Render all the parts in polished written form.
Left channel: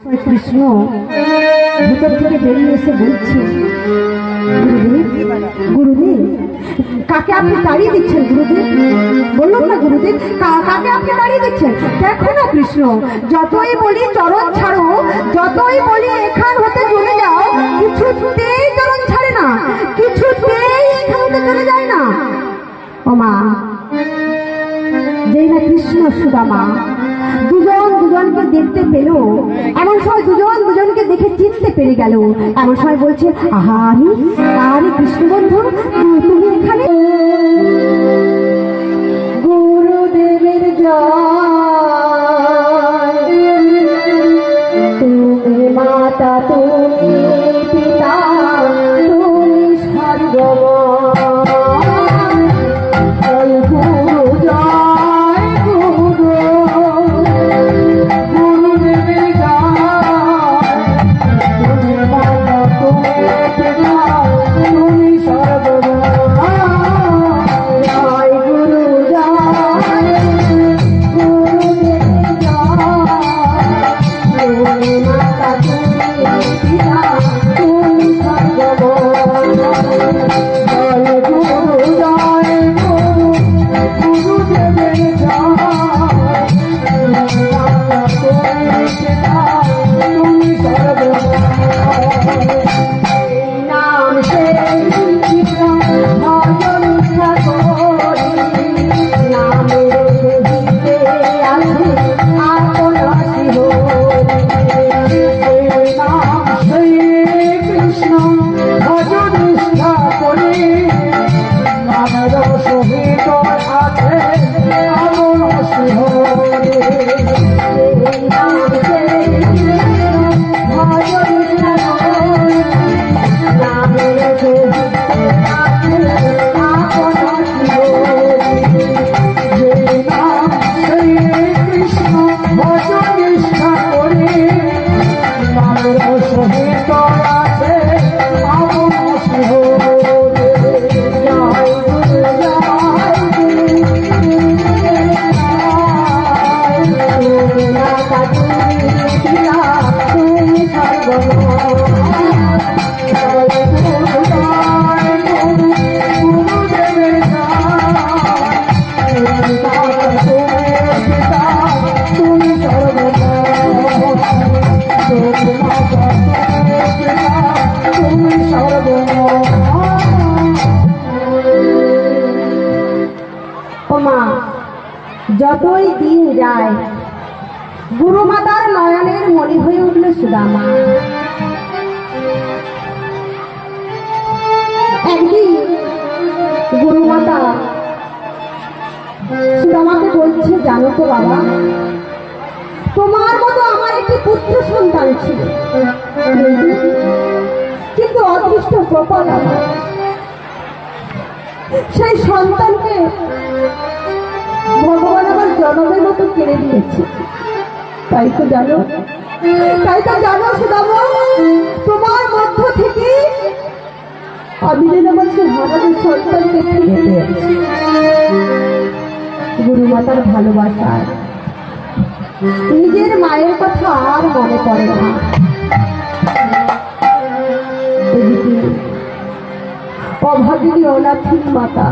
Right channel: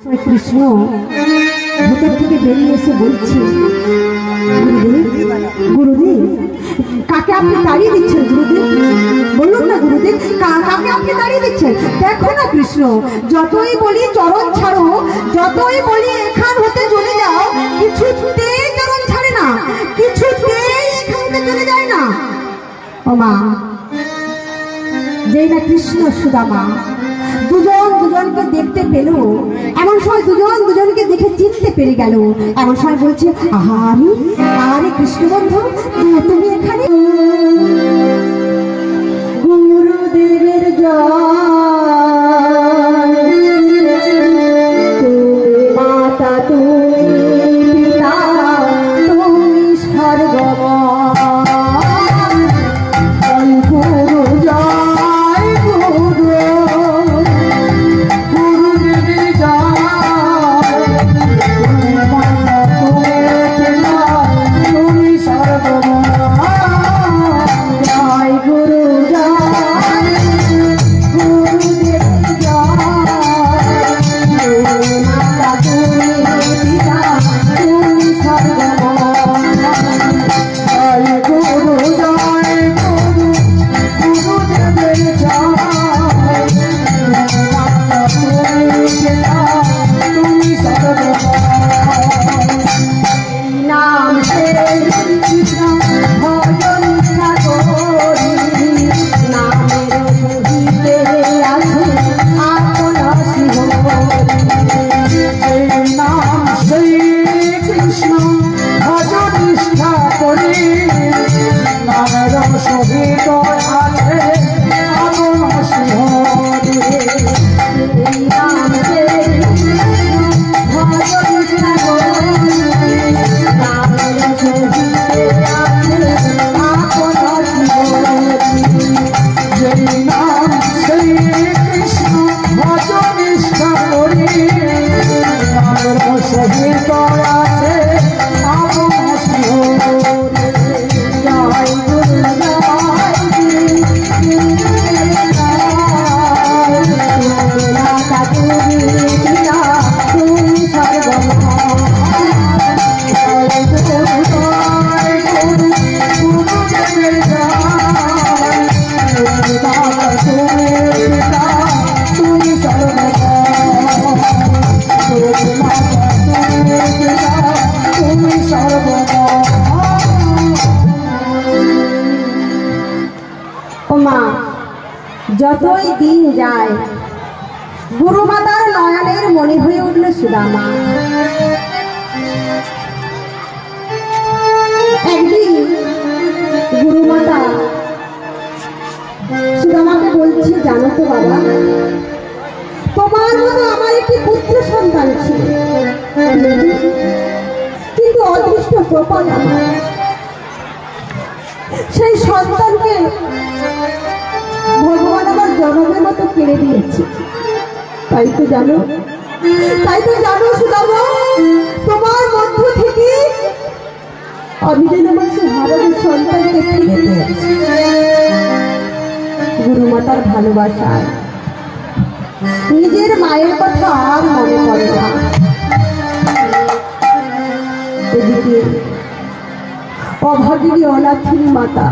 কৃষ্ণ ভিতর থেকে বেরিয়ে এসে বলছে, গুরুদেব গুরুদেব কাকে আপনি তাড়িয়ে দিচ্ছেন? গুরুদেব বলুন না গুরুদেব, কাকে আপনি তাড়িয়ে দিচ্ছেন? দেখো না কৃষ্ণ, যতই বলি চরণ ছাড়ো, যতই বলি এখান হতে চলে যাও, কিছুতেই চরণ ছাড়ে না, কিছুতেই এখান হতে চলে যায় না। ও মা, যেই না কৃষ্ণ সুদামা দুজন দুজনকে দেখতে পেল, এমন সময় দুজন দুজনকে দেখে চিনতে পেরে গেল। এমন সময় বলছে, আহারে আরে কৃষ্ণ বন্ধু, তুমি এখানে? গুরুদেবের জয়, তুমি মাতা, তুমি পিতা, তুমি স্বর্গময়। যতই দিন যায় গুরুমাতার নয়নের মনে হয়ে উঠল সুদামা। একদিন গুরুমাতা সুদামাকে বলছে, জানো তো বাবা, তোমার মতো আমার একটি পুত্র সন্তান ছিল, কিন্তু অদৃষ্ট কপাল আমার, সেই সন্তানকে ভগবান আমার জনমের মতো কেড়ে দিয়েছে। তাই তো জানো সুদামা, তোমার মধ্য থেকে আমি যেন আমার ভগবানের সন্তানকে ফিরে দিয়েছি। গুরুমাতার ভালোবাসায় নিজের মায়ের কথা আর মনে পড়ে না। এদিকে অভাগিনী অনাথিনী মাতা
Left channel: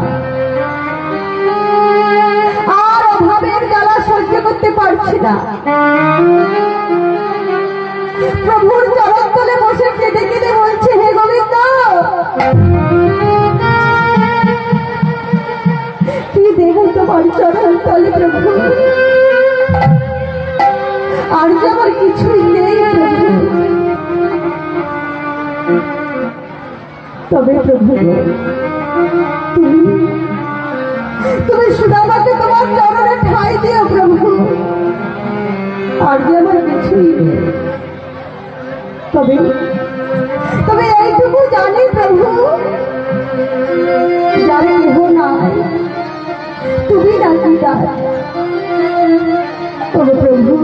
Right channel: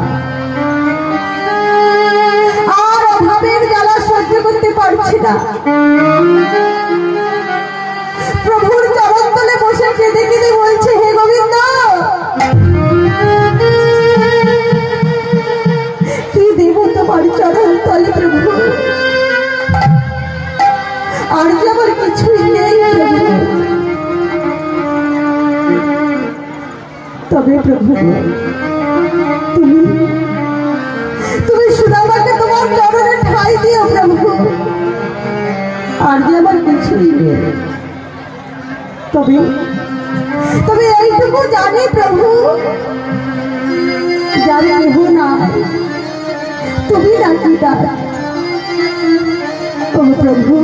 আর অভাবের জ্বালা সহ্য করতে পারছে না। প্রভুর চরণ তলে বসে কেঁদে কেঁদে বলছে, হে গোবিন্দ, কি দেব তোমার চরণ তলে প্রভু, আর যে আমার কিছুই নেই প্রভু। তবে প্রভু তুমি সুদামাকে তোমার চরণে ঠাঁই দিও প্রভু, আর যে আমার কিছুই নেই। তবে এইটুকু জানি প্রভু, যার কেহ নাই, তুমি নাকি তার। তবে প্রভু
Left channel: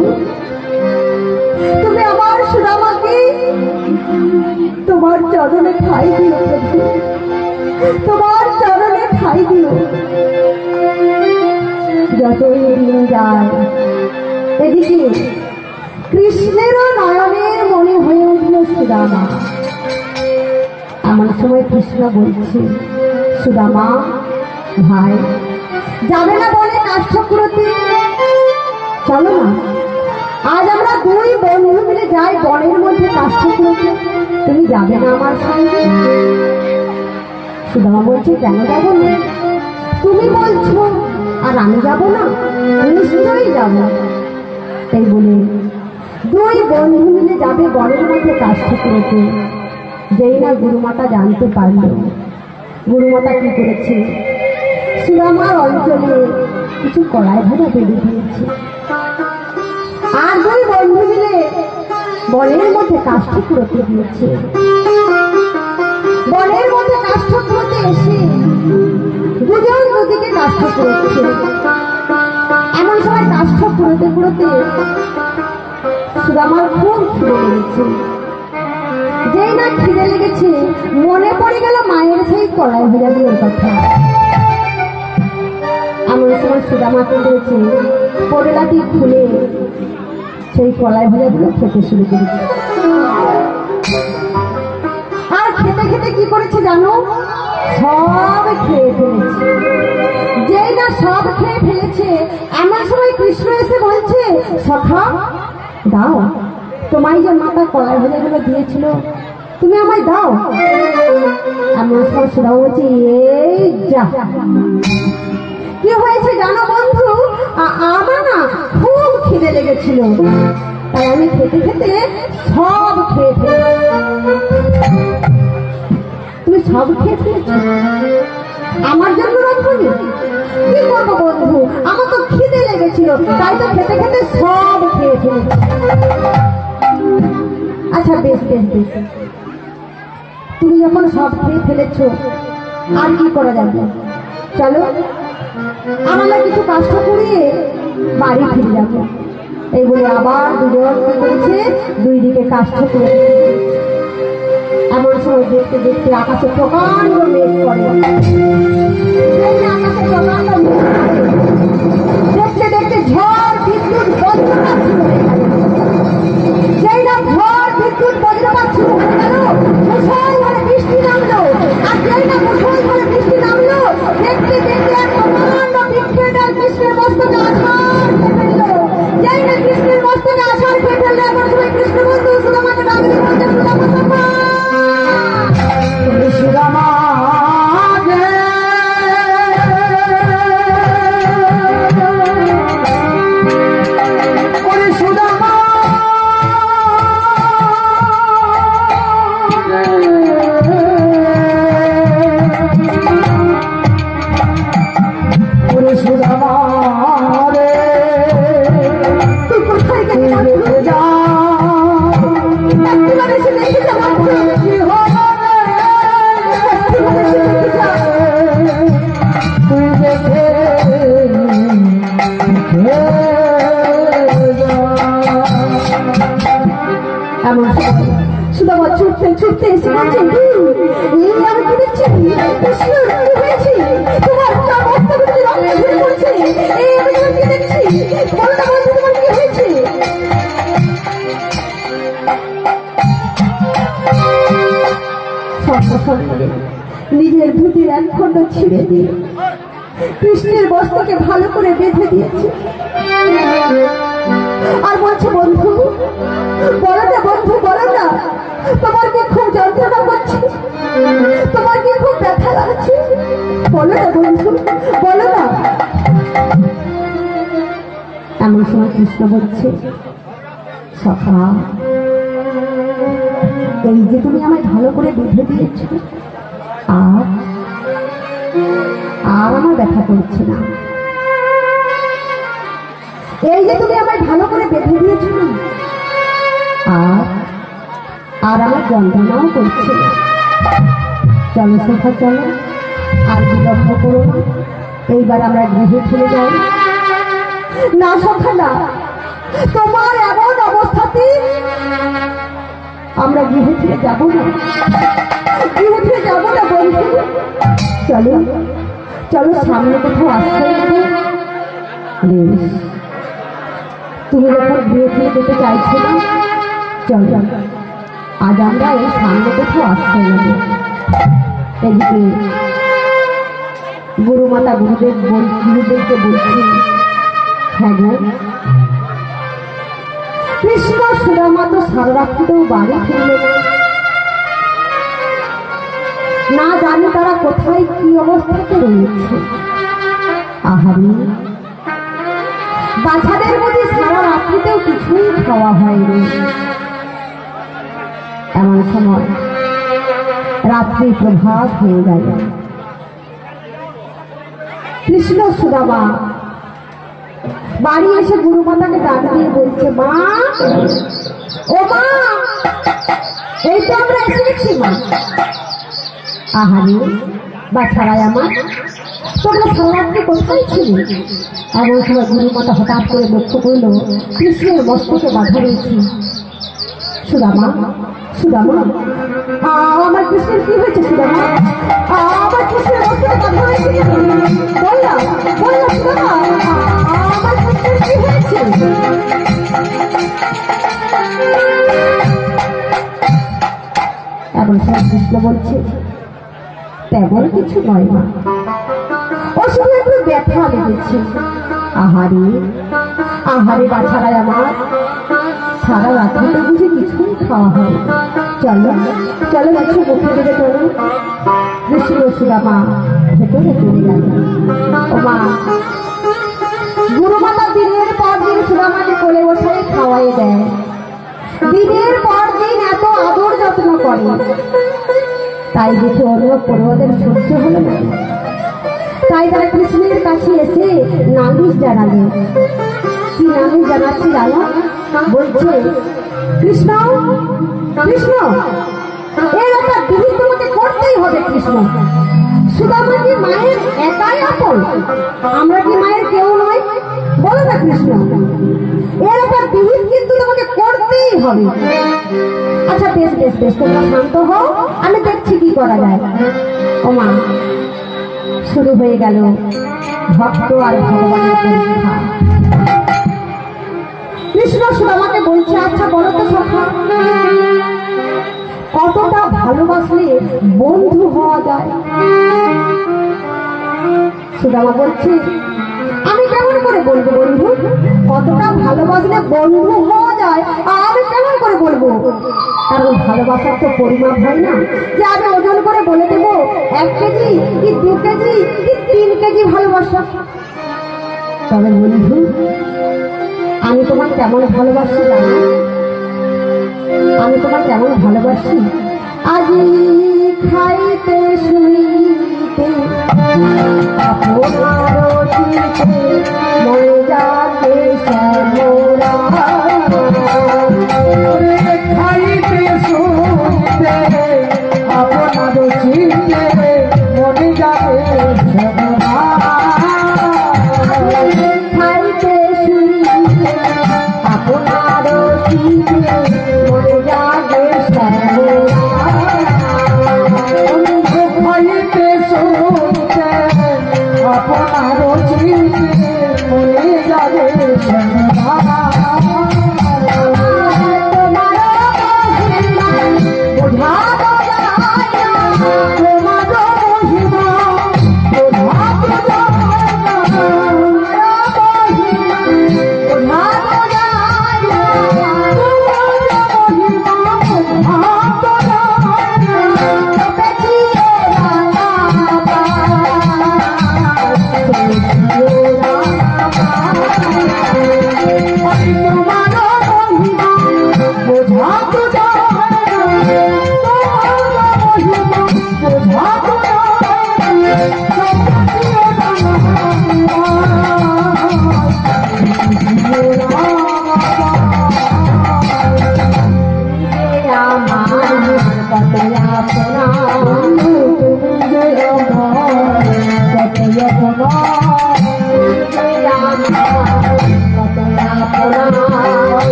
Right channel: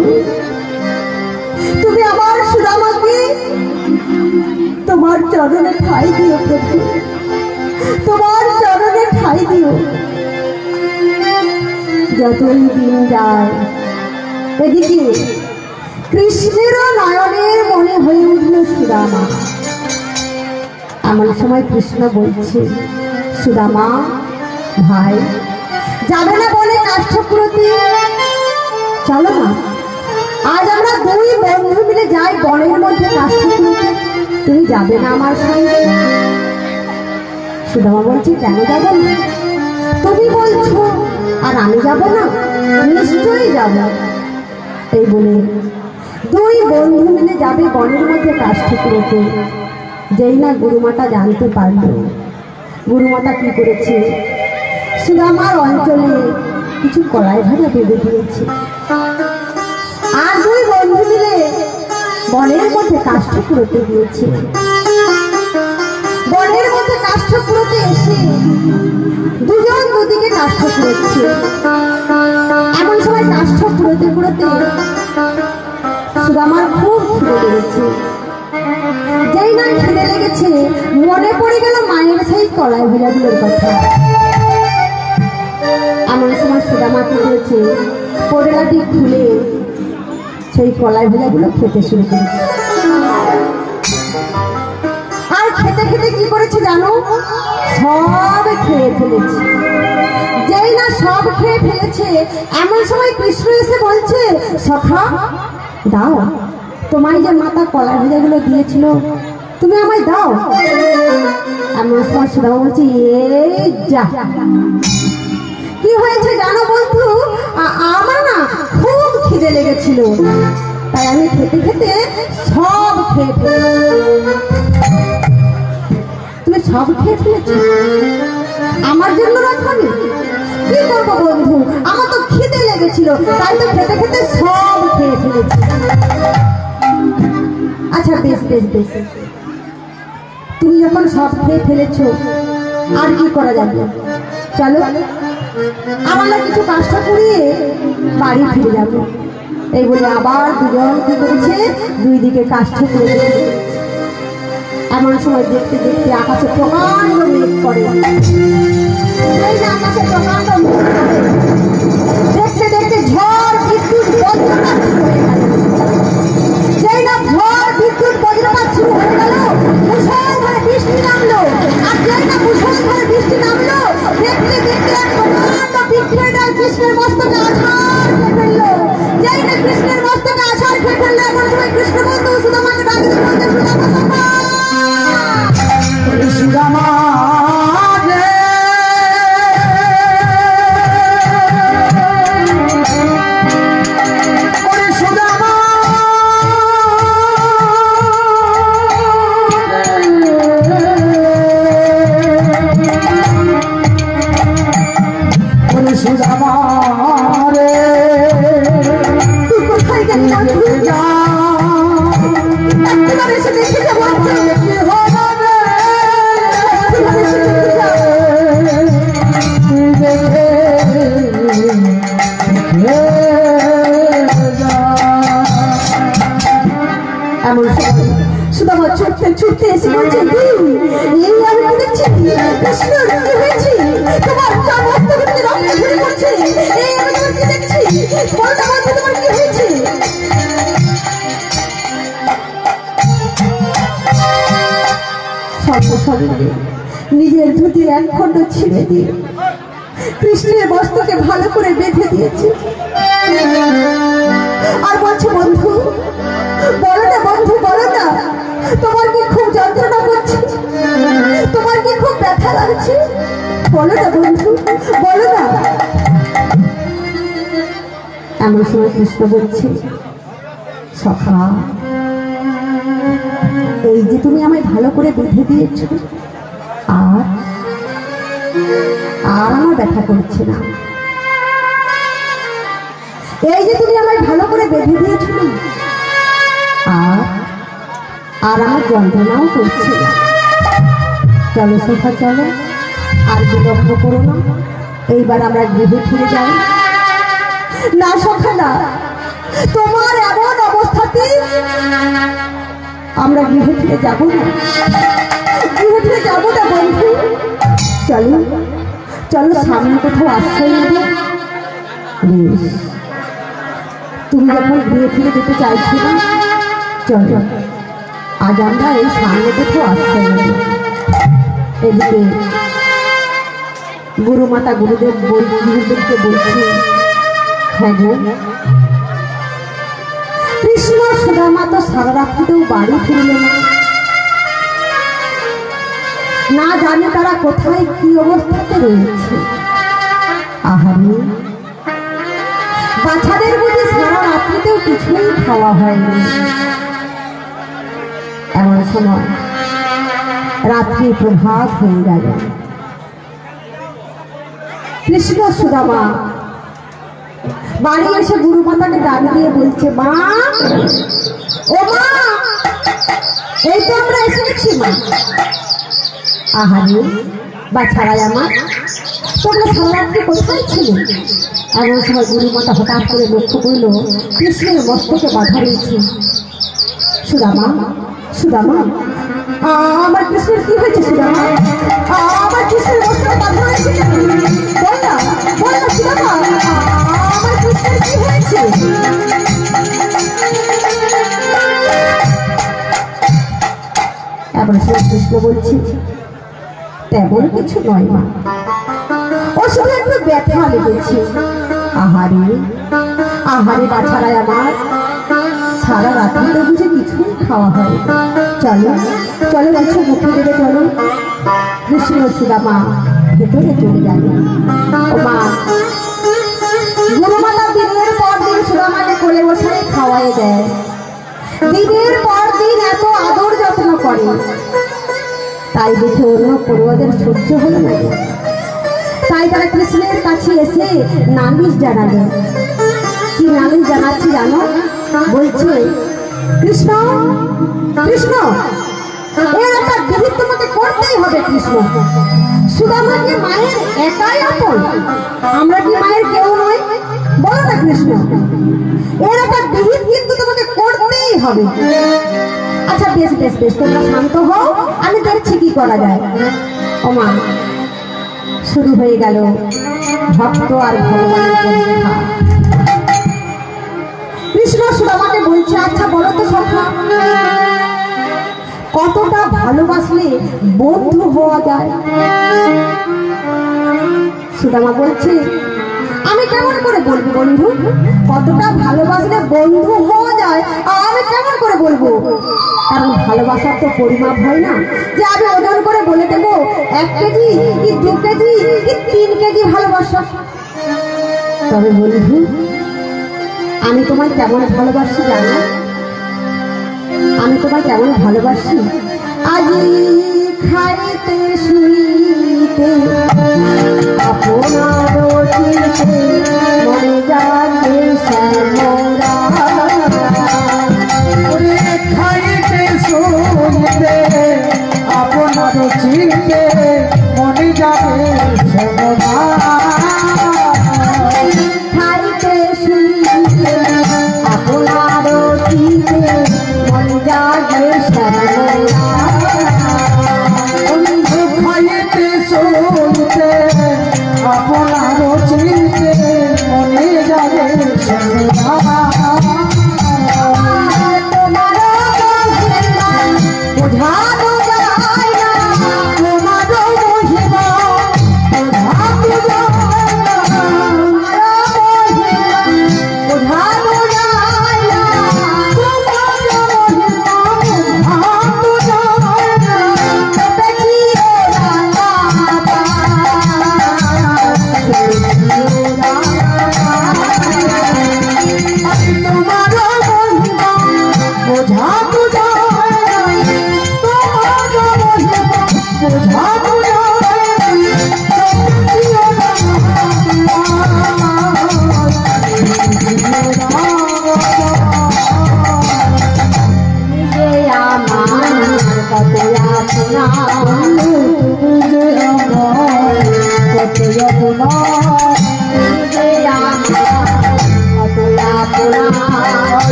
তুমি আমার সুদামাকে তোমার চরণে ঠাঁই দিও প্রভু, তোমার চরণে ঠাঁই দিও। যতই দিন যায় এদিকে কৃষ্ণেরও নয়নে সময় কৃষ্ণ বলছে, সুদামা ভাই যাবে না বলে কাষ্ঠপুরতে? চলো না, আজ আমরা দুই বন্ধু মিলে যাই বনের মধ্যে কাষ্ঠপুরতে। তুমি যাবে না আমার সঙ্গে? সুদামা বলছে, কেন যাবো না? তুমি বলছো আর আমি যাব না? নিশ্চয়ই যাব। এই বলে দুই বন্ধু মিলে যাবে বনের মধ্যে কাষ্ঠপুরতে। যেই না গুরুমাতা জানতে পারলো, গুরুমাতা কি করেছে, সুদামার অঞ্চলে কিছু কড়াই ভাজা বেঁধে দিয়েছে। আর দুই বন্ধু মিলে বনের মধ্যে কাষ্ঠপুরতে গিয়েছে। বনের মধ্যে কাষ্ঠপুরতে এসে দুজন দুদিকে কাষ্ঠ পুড়োচ্ছে। এমন সময় কাষ্ঠ পুড়োতে পুড়োতে সুদামার খুব খিদে লেগেছে। যেই না খিদে লেগেছে, মনে পড়ে গেল মায়ের সেই কড়াই ভাজাগুলোর কথা। এমন সময় সুদামাকে করেছে, পরেলাটি খুলে সেই কড়াই ভাজাগুলো খেতে শুরু করেছে। আর খেতে খেতে কি করেছে জানো? সব খেয়ে ফেলেছে। যেই না সব খেয়ে ফেলেছে, এমন সময় কৃষ্ণ এসে বলছে, সখা দাও, তোমার যে মাতা কড়াই ভাজাগুলো দিয়েছিল, তুমি আমায় দাও। এমন সময় সুদামা বলছে, এই যা, কি হয়েছে জানো বন্ধু? আমার না খুব খিদে লেগেছিল, তাই আমি খেতে খেতে সব খেয়ে ফেলেছি। তুমি সব খেয়ে ফেলেছ, আমার জন্য রাখনি? কি করবো বন্ধু, আমার তো খিদে লেগেছিল, তাই তো খেতে খেতে সব খেয়ে ফেলেছি। আচ্ছা বেশ বেশ বেশ, তুমি যখন সব খেয়ে ফেলেছ, আর কি করা যাবে? চলো আমরা কিছু কাজটা করিয়ে বাড়ি ফিরে যাবো। এই বলে আবার দুজন কি করেছে, দুই দিকে কাষ্ঠ করে। এমন সময় দেখতে দেখতে আকাশে প্রকাণ্ড মেঘ পড়ে। দেখতে দেখতে ঝড় বিদ্যুৎ বজ্রপাত শুরু হয়ে গেল। যেই না ঝড় বিদ্যুৎ বজ্রপাত শুরু হয়ে গেল, মুষলধারে বৃষ্টি নামলো। আর যেই না মুষলধারে বৃষ্টি নামলো, দেখতে দেখতে এক প্রকাণ্ড বৃক্ষের ডাল কৃষ্ণের মস্তকে আছাড় খেয়ে ফেললো। যেই না কৃষ্ণের মস্তকে আছাড় খেয়ে ফেললো, এমন সময় কৃষ্ণ বন্ধু সুদামাকে ডাক দিয়ে বলতে, সুদামা সুদামা ছুটতে ছুটতে এসে বলছে, এই আমি কি দেখছি, কৃষ্ণ হয়েছি, তোমার মস্তকটি রক্ত ঝরে পড়ছে, এই আমি কি দেখছি, বলতে বলতে তোমার কি হয়েছে? সঙ্গে সঙ্গে নিজের ধুতির এক খণ্ড ছিঁড়ে দিয়ে কৃষ্ণের বস্ত্রকে ভালো করে বেঁধে দিয়েছে। আর বলছে, বন্ধু বলো না, বন্ধু বলো না, তোমার কি খুব যন্ত্রণা করছে, তোমার কি খুব ব্যথা লাগছে? বলো না বন্ধু, বলো না। এমন সময় কৃষ্ণ বলছে, সখা এই যে তুমি আমায় ভালো করে বেঁধে দিয়েছ, আর আমার ব্যথা করছে না। এই যে তুমি আমায় ভালো করে বেঁধে দিয়েছ, আর আমার যন্ত্রণাও করছে না। চলো সখা চলো, আর বিলম্ব করো না, এইবার আমরা গৃহে ফিরে যাই। না সখা না, তোমার এমন অবস্থাতে আমরা গৃহে ফিরে যাবো না, গৃহে ফিরে যাবো না বন্ধু। চলো চলো, সামনে কোথাও আশ্রয় নেবে। তুমি যখন গৃহে ফিরে যেতে চাইছো না, চলো আজ আমরা এই সামনে কোথাও আশ্রয় নেব। এদিকে গুরু মাতা গুরুদেবকে বলছে, হ্যাঁ গো, কৃষ্ণ সুদামা তো সারা রাত্রিতেও বাড়ি ফিরল না জানি তারা কোথায় কি অবস্থাতে রয়েছে। আহারে, বাচ্চাদের মধ্যে সারা রাত্রিতেও কিছুই খাওয়া হয়নি। এমন সময় রাত্রি প্রভাত হয়ে গেল। কৃষ্ণ সুদামা বাড়ি এসে গুরু মাতাকে ডাক দিয়ে বলছে, মা, ও মা, এই তো আমরা এসে গেছি মা। আহারে বাছারাই আমার, তোমরা সারারাত্রি কোথায় ছিলে? এমন সময় গুরু মাতা হঠাৎ করে লক্ষ্য করল কৃষ্ণের মস্তকে বাধা রয়েছে। সুদামা, সুদামা, আমার কৃষ্ণের কি হয়েছে? সুদামা, আমার কৃষ্ণের মস্তকে বাধা হয়েছে, আমার কৃষ্ণের কি হয়েছে? এমন সময় কৃষ্ণ বলছে, তেমন কিছু নয় মা, ও শুধু একটু ব্যথা লেগেছে। আহারে, আহারে বাছারাই আমার, সারা রাত্রিতে বুঝে কিছুই খাওয়া হয়। চলো চলো, কিছু মুখে দেবে চলো। কৃষ্ণ সুদামা ভেতরে চলে গেল। ও মা, গুরু মাতা দিনের পর দিন সুদামাকে কোলে বসাই খাওয়াই দেয়, দিনের পর দিন এত আদর যত্ন করে। তাই দেখে অন্য পড়ুয়াদের সহ্য হলো না, তাই তারা কৃষ্ণের কাছে এসে নালিশ জানালো। কি নালিশ জানাচ্ছে জানো? বলছে, কৃষ্ণ, কৃষ্ণ, এর একটা বিহিত তোমাকে করতেই হবে। কৃষ্ণ, সুদামা কি মায়ের একাই আপন? আমরা কি মায়ের কেউ নয়? বলো না কৃষ্ণ, এর একটা বিহিত কিন্তু তোমাকে করতেই হবে। আচ্ছা বেশ বেশ বেশ, তোমরা শান্ত হও, আমি দেখছি কি করা যায়। ও মা, শুরু হয়ে গেল ভক্ত আর ভগবানের পরীক্ষা। কৃষ্ণ সুদামাকে বলছে, আচ্ছা বলো তো সখা, কতটা ভালোবাসলে বন্ধু হওয়া যায়? সুদামা বলছে, আমি কেমন করে বলবো বন্ধু? কতটা ভালোবাসলে বন্ধু হওয়া যায় আমি কেমন করে বলবো? কারণ ভালোবাসার তো পরিমাপ হয় না যে আমি ওজন করে বলে দেবো 1 কেজি কি 2 কেজি কি 3 কেজি ভালোবাসা। তবে বন্ধু, আমি তোমার কেমন ভালোবাসি জানো? আমি তোমার কেমন ভালোবাসি? আজি খাইতে শুইতে আপনার মনে যাতে শ্যামরা, খাইতে শুইতে আপনার চিতে মনে যাবে শ্যামরা, খাইতে শুইতে আপনার চিতে মনে যাবে শ্যামরা, খাইতে শুইতে আপনার চিতে মনে যাবে শ্যামরা।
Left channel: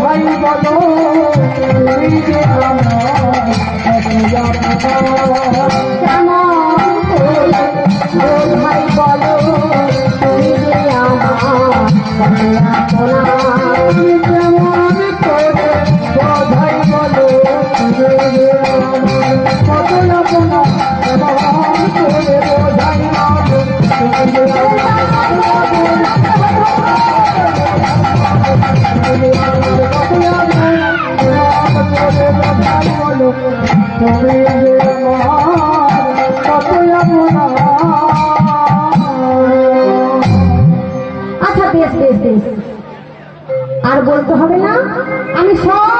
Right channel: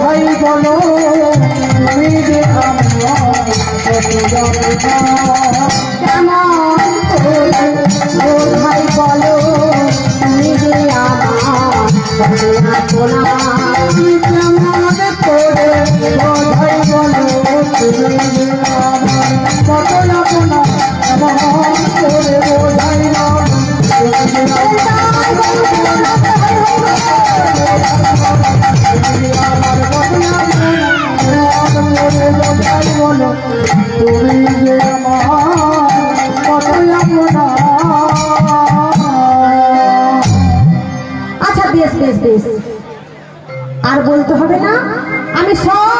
ভাই বলো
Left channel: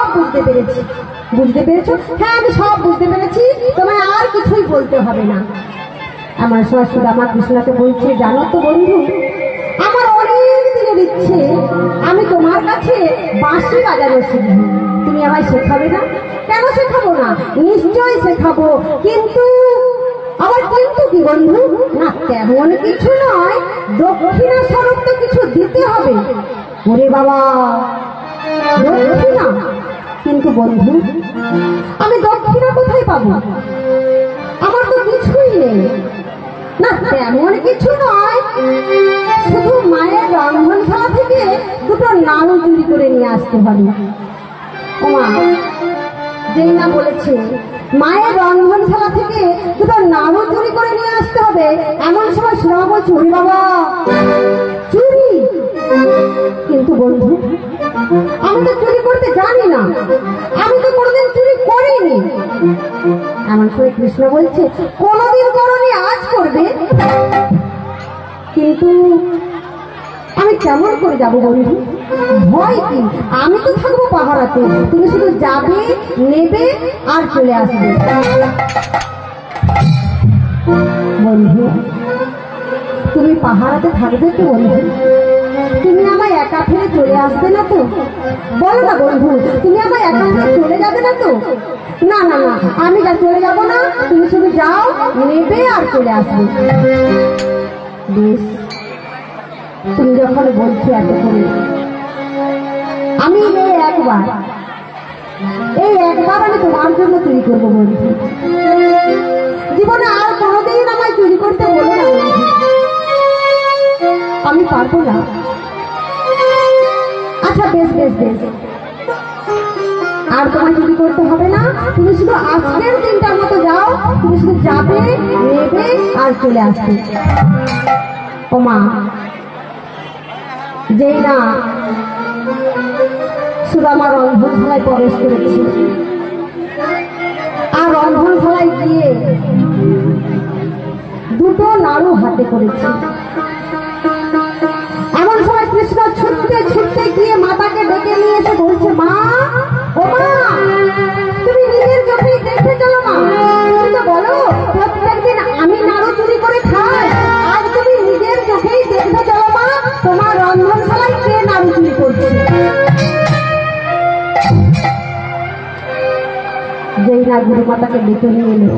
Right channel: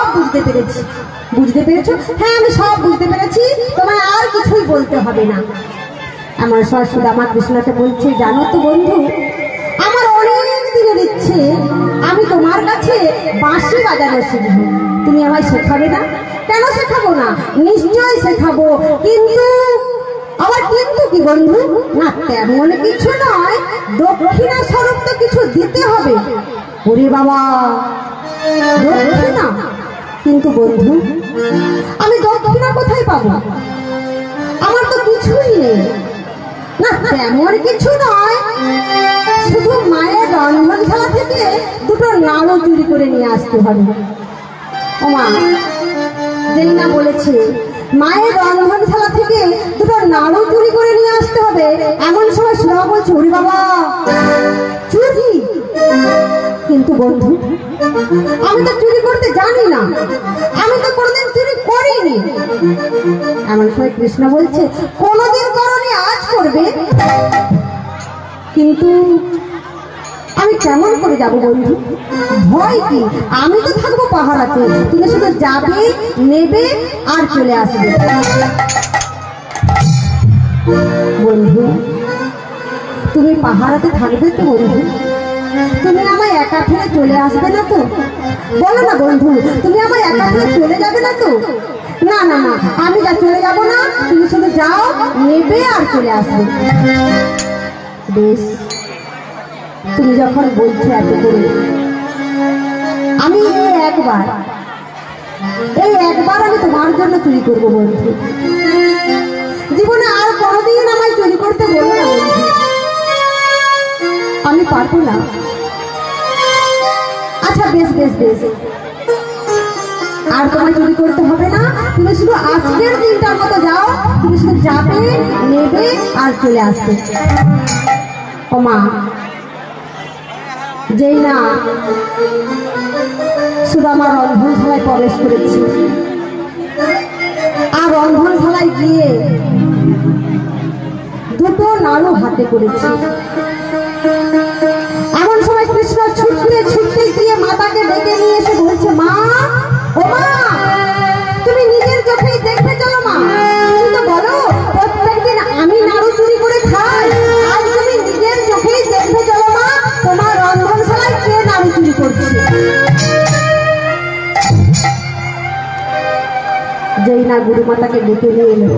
সব বুঝতে পেরেছি। বুঝতে পেরেছো? হ্যাঁ, আমি সব বুঝতে পেরেছি, তোমায় আর কিছুই বলতে হবে না। আমার সময় সুদামা কৃষ্ণকে বলছে, জানো তো বন্ধু, আমার অনেক দিনের ইচ্ছে আমি তোমার কাছে বাঁশি বাজানো শিখব। তুমি আমায় শেখাবে না? কেন শেখাবো না, নিশ্চয়ই শেখাবো। কিন্তু আবার কিন্তু কি বন্ধু? না তেমন কিছু নয়, দক্ষিণা স্বরূপ তো কিছু দিতে হবে। ওরে বাবা, দক্ষিণা? কিন্তু বন্ধু, আমি দক্ষিণা কোথায় পাবো? আমার তো কিছুই নেই। না তেমন কিছু নয়, শুধু মায়ের রন্ধনশালা থেকে দুটো নাড়ু চুরি করে নিয়ে আসতে হবে। ও মা, যেই না বলেছে মায়ের রন্ধনশালা থেকে দুটো নাড়ু চুরি করে নিয়ে আসতে হবে, এমন সময় শোনা বলছে, ওরে বাবা, চুরি? কিন্তু বন্ধু, আমি তো চুরি করতে জানি না, আমি তো কোনোদিন চুরি করিনি। এমন সময় কৃষ্ণ বলছে, কোনোদিন করনি, আজ করবে। কিন্তু আমি কেমন করে যাবো বন্ধু? ভয় কি? আমি তো থাকবো পাহারাতে, তুমি শুধু যাবে, নেবে আর চলে আসবে। বন্ধু, তুমি পাহারাতে থাকবে তো বন্ধু? তুমি আমায় একা ফেলে চলে আসবে না তো? বলো না বন্ধু, তুমি আমায় একা ফেলে চলে যাবে না তো? না না না, আমি যা চলে যাবো না, তুমি শুধু যাও, নেবে আর চলে আসবে। বেশ, তুমি যখন বলছো এত করে, আমি এই একবার আমি তোমার জন্য চুরি করবো বন্ধু। জীবনে আর কোনোদিন আমায় চুরি করতে বলো না বন্ধু, আমি পারবো না। আচ্ছা বেশ বেশ বেশ, আর তোমায় চুরি করতে হবে না, তুমি শুধু আজকের দিনটার মতো যাও, তুমি শুধু যাবে, নেবে আর চলে আসবে। ও মা, যেই না সুদামা রন্ধনশালায় প্রবেশ করেছে, আর রন্ধনশালায় গিয়ে দুটো নাড়ু হাতে করেছে। এমন সময় কৃষ্ণ ছুটতে ছুটতে গিয়ে মাতাকে ডেকে নিয়ে এসে বলছে, মা, ও মা, তুমি নিজের চোখেই দেখে চলো মা, তুমি তো বলো প্রত্যেকদিন আমি নাড়ু চুরি করে খাই, আর তুমি নিজের চোখেই দেখে চলো মা, তোমার রন্ধনশালায় কে নাড়ু চুরি করছে। যেই না গুরুমাতাকে ডেকে নিয়ে এলো,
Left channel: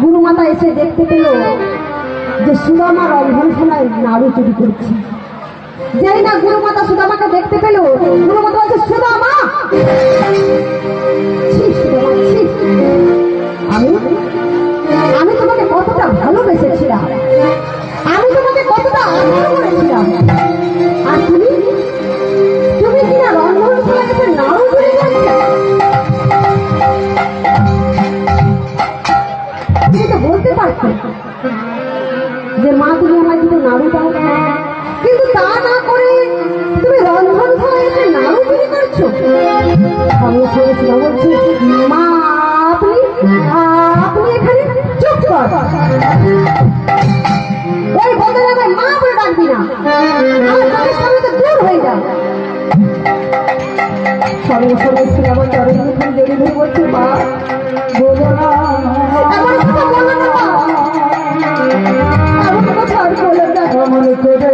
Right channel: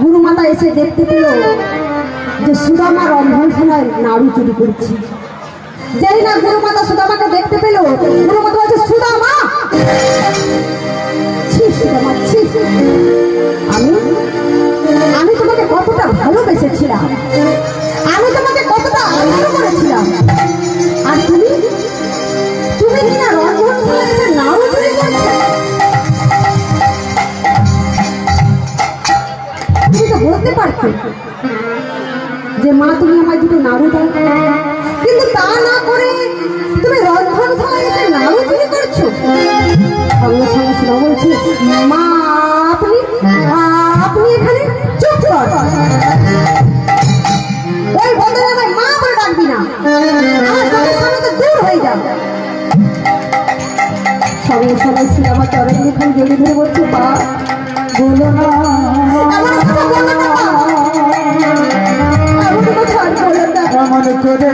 গুরুমাতা এসে দেখতে পেল যে সুদামা রন্ধনশালায় নাড়ু চুরি করছে। যেই না গুরুমাতা সুদামাকে দেখতে পেল, গুরুমাতা বলছে, সুদামা, আমি তোমাকে কতটা ভালোবেসেছিলাম, আমি তোমাকে কতটা আদর করেছিলাম, আর তুমি কিনা রন্ধনশালায় এসে নাড়ু চুরি করছো। তুমি তো বলতে পারছো যে মা, তুমি আমায় দুটো নাড়ু দাও, কিন্তু তা না করে তুমি রন্ধনশালায় এসে নাড়ু চুরি করছো। সঙ্গে সঙ্গে শোনা বলছি, মা, আপনি এখানে চুপ কর, ওই বদলে আমায় মা বলে ডাকবি না, আমার চোখের সামনে তো দূর হয়ে যাও। সঙ্গে সঙ্গে শোনা আমার চরণ মুখে জড়িয়ে ধরে বলছে, মা, বলো না, এমন কথা বলো না মা, আমি কোনো ছাড় বলো না, আমার করে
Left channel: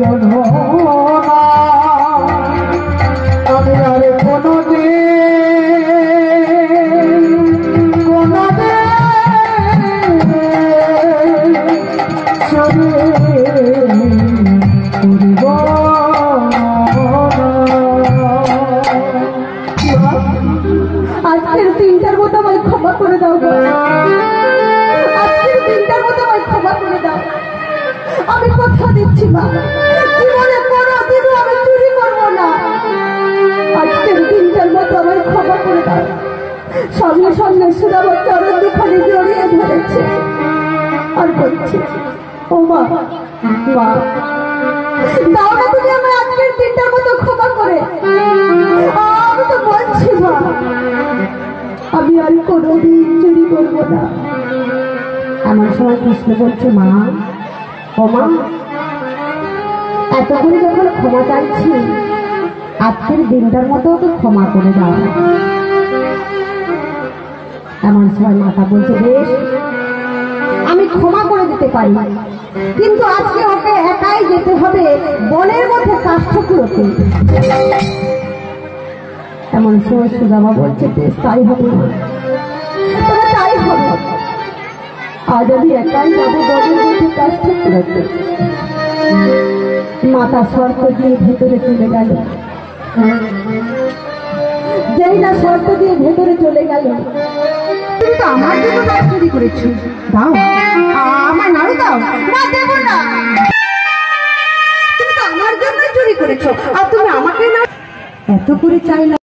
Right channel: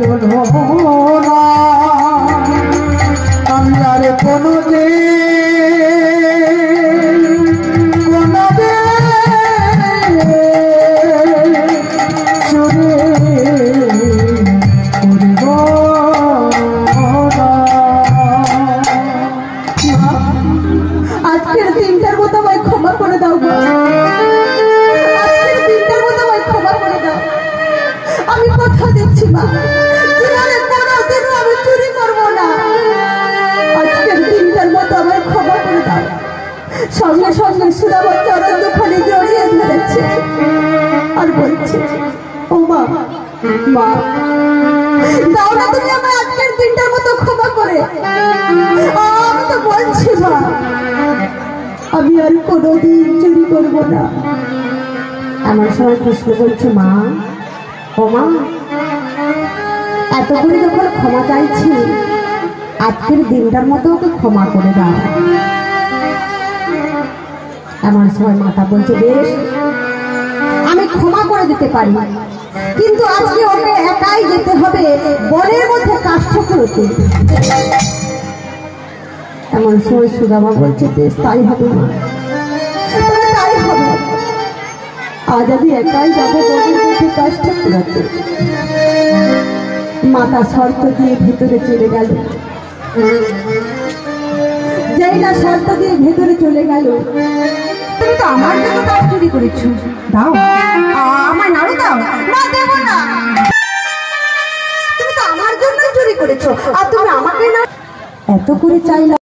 বলো না, আমি আর আজকের দিনটার মতো আমায় ক্ষমা করে দাও, আজকের দিনটার মতো আমায় ক্ষমা করে দাও। আমি কথা দিচ্ছি মা, জীবনে কোনোদিন আমি চুরি করবো না, আজকের দিনটার মতো আমায় ক্ষমা করে দাও। সঙ্গে সঙ্গে সুদামা চরণ দুখানি জড়িয়ে ধরেছে আর বলছে, ও মা, মা, দাও না তুমি আমার আজকের দিনটার মতো ক্ষমা করে। আমি তো বলছি মা, আমি আর কোনোদিন চুরি করবো না। এমন সময় কৃষ্ণ বলছে, মা, ও মা, এত করে যখন ক্ষমা চাইছি, আজকের দিনটার মতো ওকে ক্ষমা করে দাও। এমন সময় মাতা বলছে, বেশ, আমি ক্ষমা করে দিতে পারি, কিন্তু আজকে ওকে একাই যেতে হবে বনের মধ্যে কাষ্ঠগুলোতে। এমন সময় সুদামা বলছে, বেশ, তাই হবে, তাই হবে। আজ আমি একাই যাবো বনের মধ্যে কাষ্ঠগুলোতে। মাতা শর্ত দিয়ে ভেতরে চলে গেল। যেই না শর্ত দিয়ে ভেতরে চলে গেল, তুমি তো আমার জন্য ব্যাগ চুরি করেছো, দাও, আমার নাড়ু দাও। না, দেব না, তুমি তো আমার জন্যই চুরি করেছো, আর তুমি আমাকে না এত করে চাইলা।